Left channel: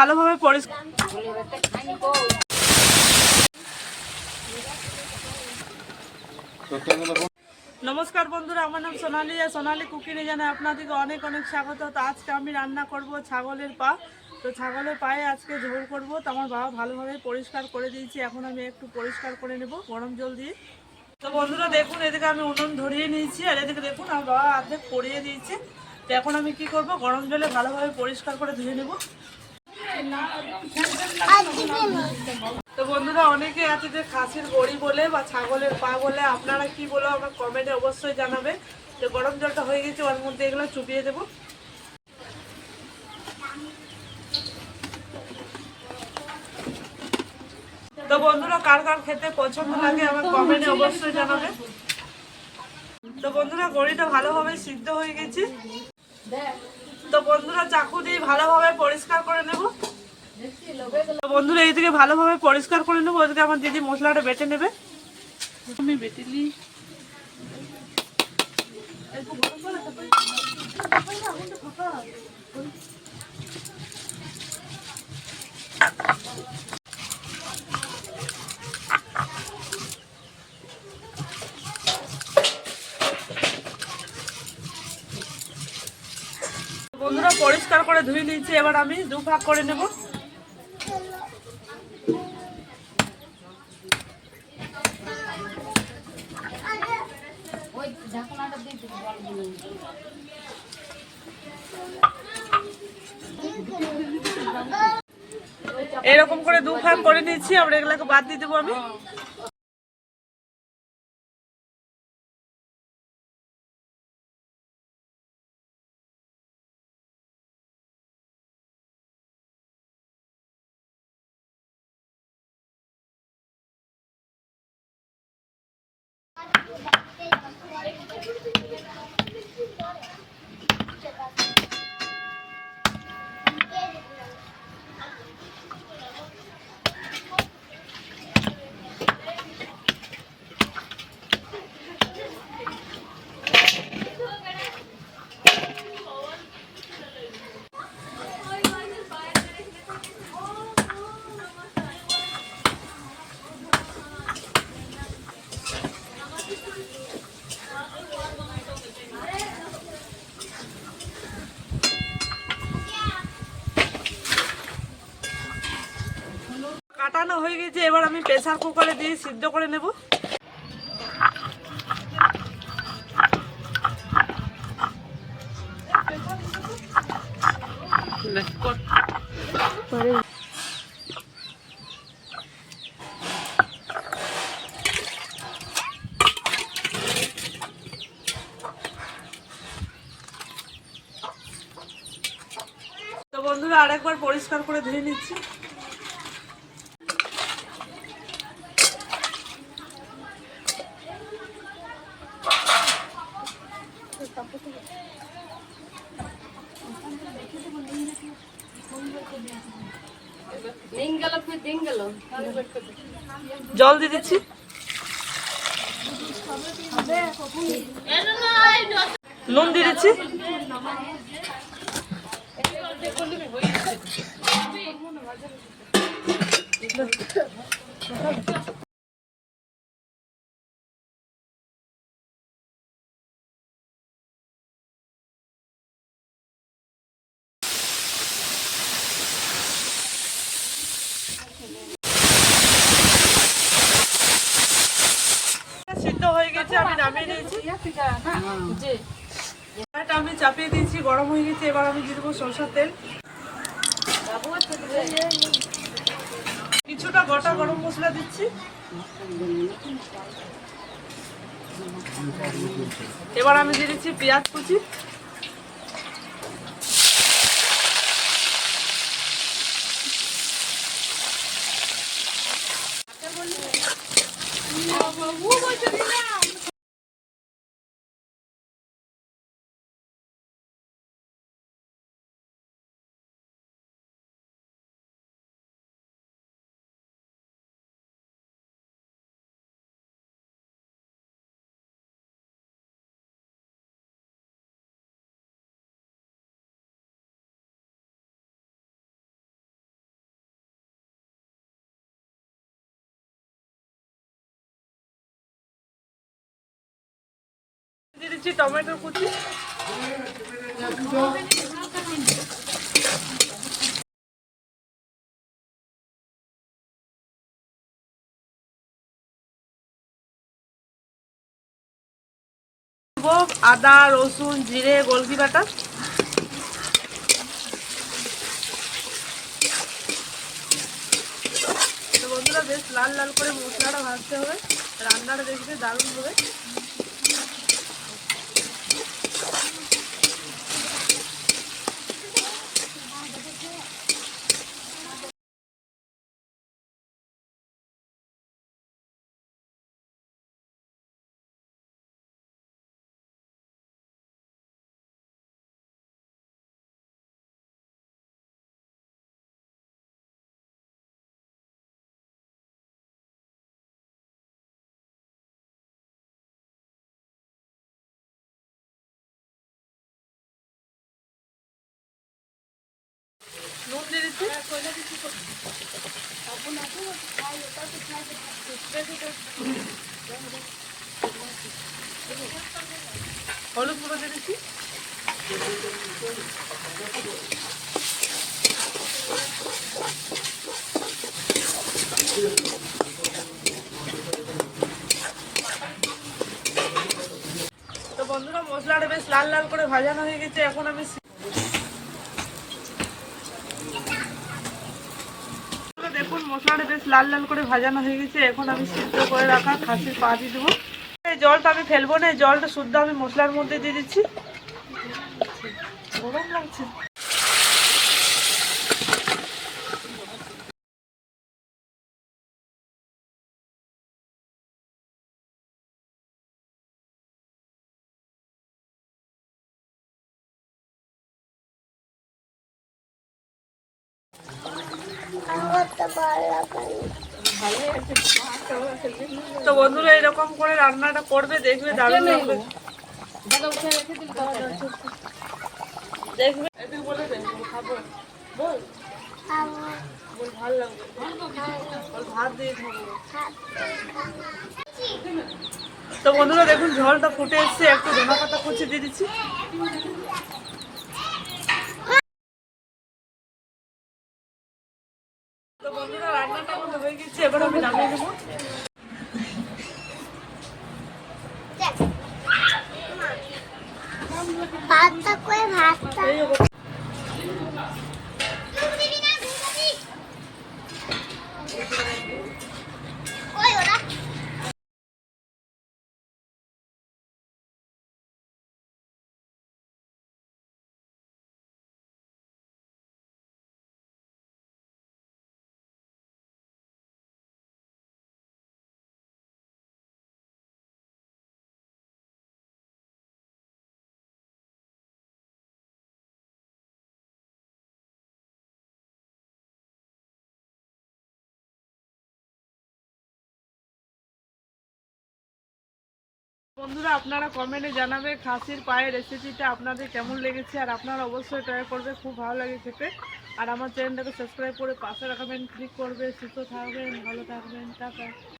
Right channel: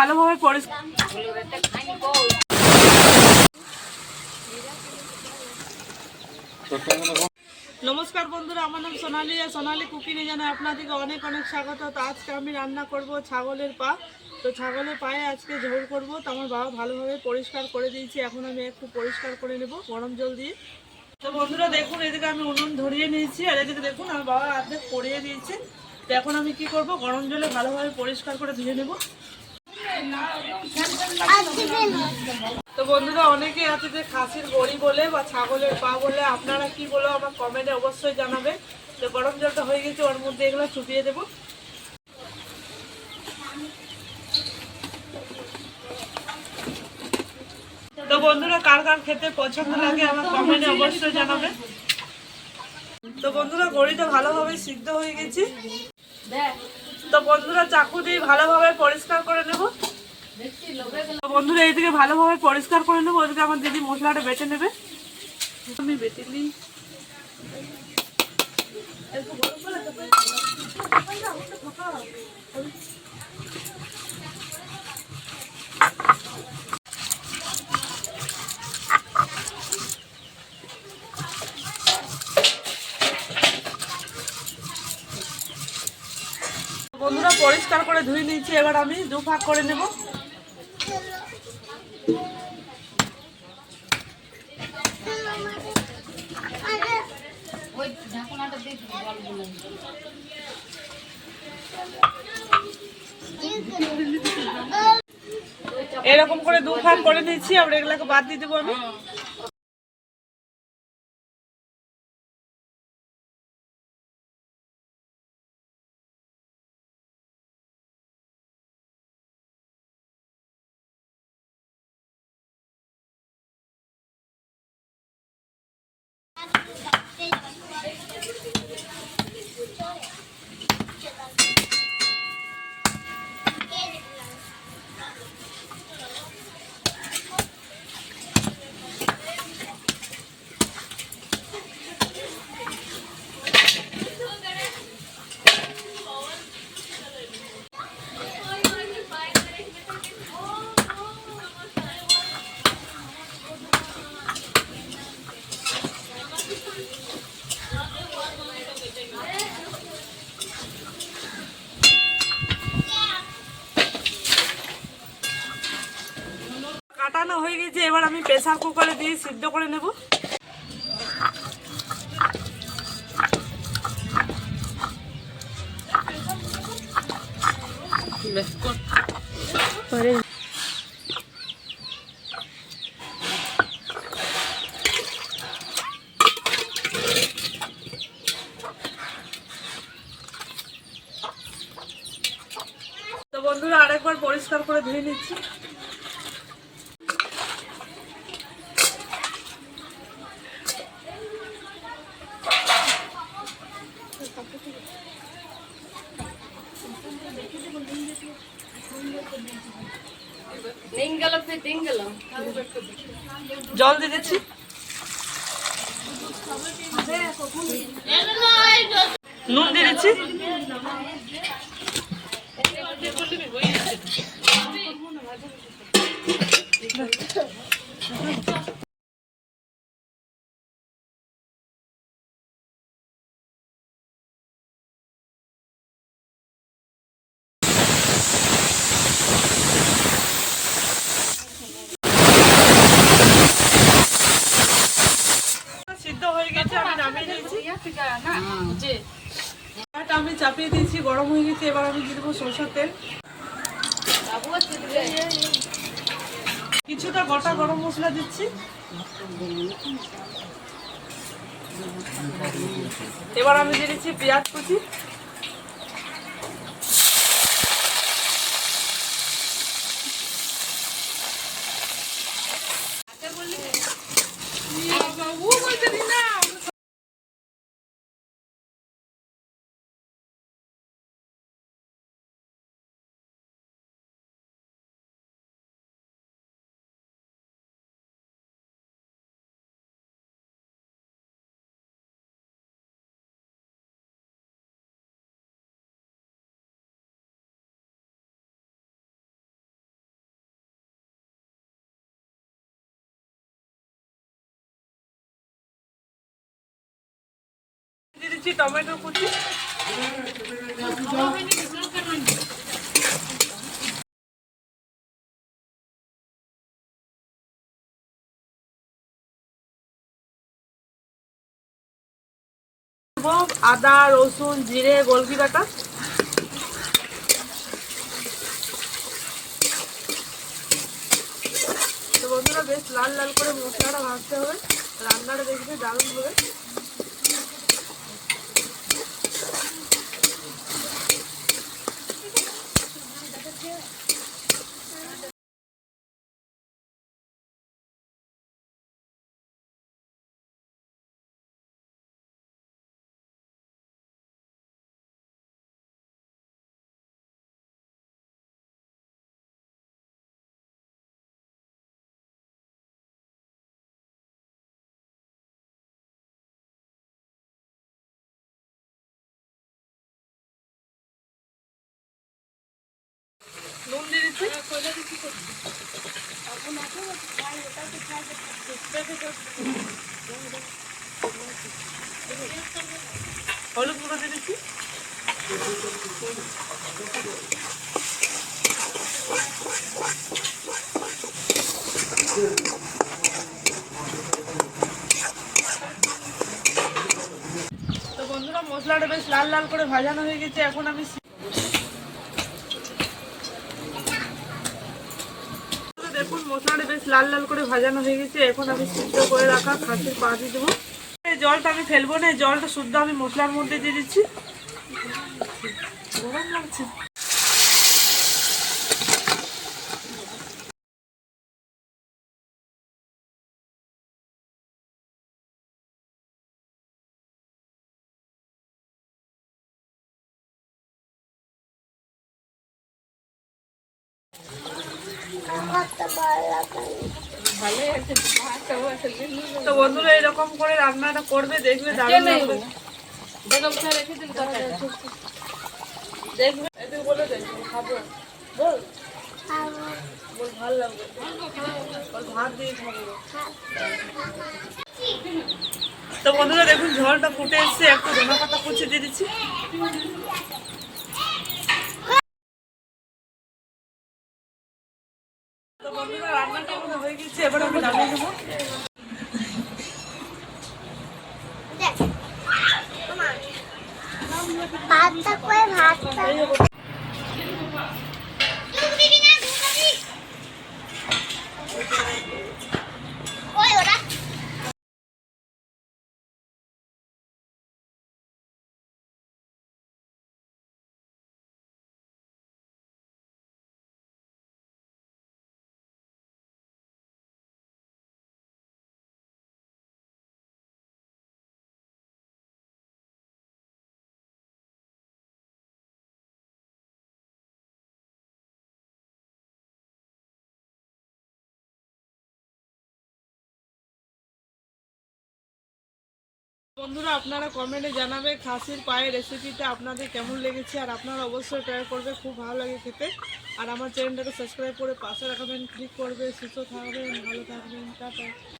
ভালোভাবে পরিষ্কার। নমস্কার বন্ধুরা, আমার নাম সোনালি আর সোনালি কুকিংয়ে জানাই আপনাদেরকে অনেক অনেক স্বাগত। তো আজকে আমি রান্না করব ছাগলের পা। তো ছাগলের পায়ে আজকে ঝোল করব। তো আমার বাবা ভালোভাবে পরিষ্কার করে দিয়েছি, এখন আমি একটু পরিষ্কার করে নেব গরম জল দিয়ে। তো বন্ধুরা দেখুন, এদিকে আমি উনুন ধরিয়ে নিয়েছি আর এদিকে দেখুন আমার বাবা অর্ধেক পরিয়ে দিয়েছে। তো এখন আমি কি করব, গরম জলে ভালোভাবে পরিষ্কার করে ধুয়ে নেব। তো বন্ধুরা, অনেকে আছে যে খাসির গড়ি বলে বা ছাগলের পা বলে, আপনারা কি বলো আমার কমেন্টে অবশ্যই জানাবে। তো গরম জলটা হয়ে গেছে, ওর মধ্যে এগুলো চুপিয়ে দেবো। তো বন্ধুরা, কার কার খেতে পছন্দ লাগে আমার কমেন্টে অবশ্যই জানাবে। তো বন্ধুরা, গড়িটা ভালোভাবে সিদ্ধ হয়ে গেছে। তো বন্ধুরা, চাকু দিয়ে ভালোভাবে পরিষ্কার করে নেব। তো বন্ধুরা, এইদিকে ভালোভাবে পরিষ্কার করে নেবো, ওইদিকে আমার দিদি মশলাটা বেটে নেবে। আমি বেটে নিই। বন্ধুরা, পরিষ্কার করে ধুয়ে নিয়েছি, এবার আমি দু ভাগ করে নেব। এরকম করে দু ভাগ করে নিয়েছি, আবার এগুলাকে বাদ দিয়ে দেবো আমি। কাটানো হয়ে গেছে, এবার আমি প্রেসার কুকারে দিয়ে সিদ্ধ করে নেব। তো বন্ধুরা, আরেকবার পরিষ্কার করে ধুয়ে নিচ্ছি। জল দিয়ে দিচ্ছি। নুন দিয়ে দিচ্ছি। সিদ্ধ হয়ে গেছে, আমি নামিয়ে নিয়েছি। আমি চাপিয়ে দিয়েছি, গরম হয়ে গেছে, এবার আমি দিয়ে দেবো সরষের তেল। কিছুটা গোটা গরম মশলা দিচ্ছি। এবার আমি দিয়ে দিচ্ছি পেঁয়াজ কুচি। দিয়ে দিচ্ছি টমেটো কুচি, আদা রসুন জিরে গোলকি বাটা, তো বন্ধুরা বেশ লাল লাল করে মশলাটা ভাজতে হবে, রান্নাটা দেখবে দারুণ হবে। নুন দিয়ে দিচ্ছি, হলুদ গুঁড়ো দিয়ে দিচ্ছি, তো বন্ধুরা মশলাটা বেশ লাল লাল করে ভাজানো হয়ে গেছে। এখন আমি দেখুন মশলাটা বেশ লাল লাল করে ভাজানো হয়ে গেছে। এখন আমি সিদ্ধ করে রাখা খাসির পা দিয়ে দেবো। এই জলটা আমি ফেলবো না, এই জলটা শুদ্ধ আমি মশলার মধ্যে দিয়ে দিচ্ছি। গরম লাগছে। তো বন্ধুরা এরকম করে রান্নাটা করবে, দেখবে দারুণ লাগবে। দেখবে এদিকে বলে দেখবে খাবো বল, বল ভালো লাগবে, বল ভাত দিয়ে খাবো। তো বন্ধুরা দেখুন ঝোলটা ফুটে এসছে, একটু ধনে পাতা কুচি দিয়ে দিচ্ছি। তো বন্ধুরা রান্নাটা আমার হয়ে গেছে, এবার আমি নামিয়ে দেবো। বন্ধুরা আপনারা কমেন্টে জানাবে খাসির পায়ের রেসিপিটা আপনাদের কেমন লেগেছে, আর আপনারা অবশ্যই ট্রাই করবে, খুব ভালো লাগে খেতে। আর আমার চ্যানেলটাকে সাবস্ক্রাইব করে পাশে রাখবেন, ক্লিক করবে। সুস্থ থাকবেন, ভালো থাকবেন, টাটা।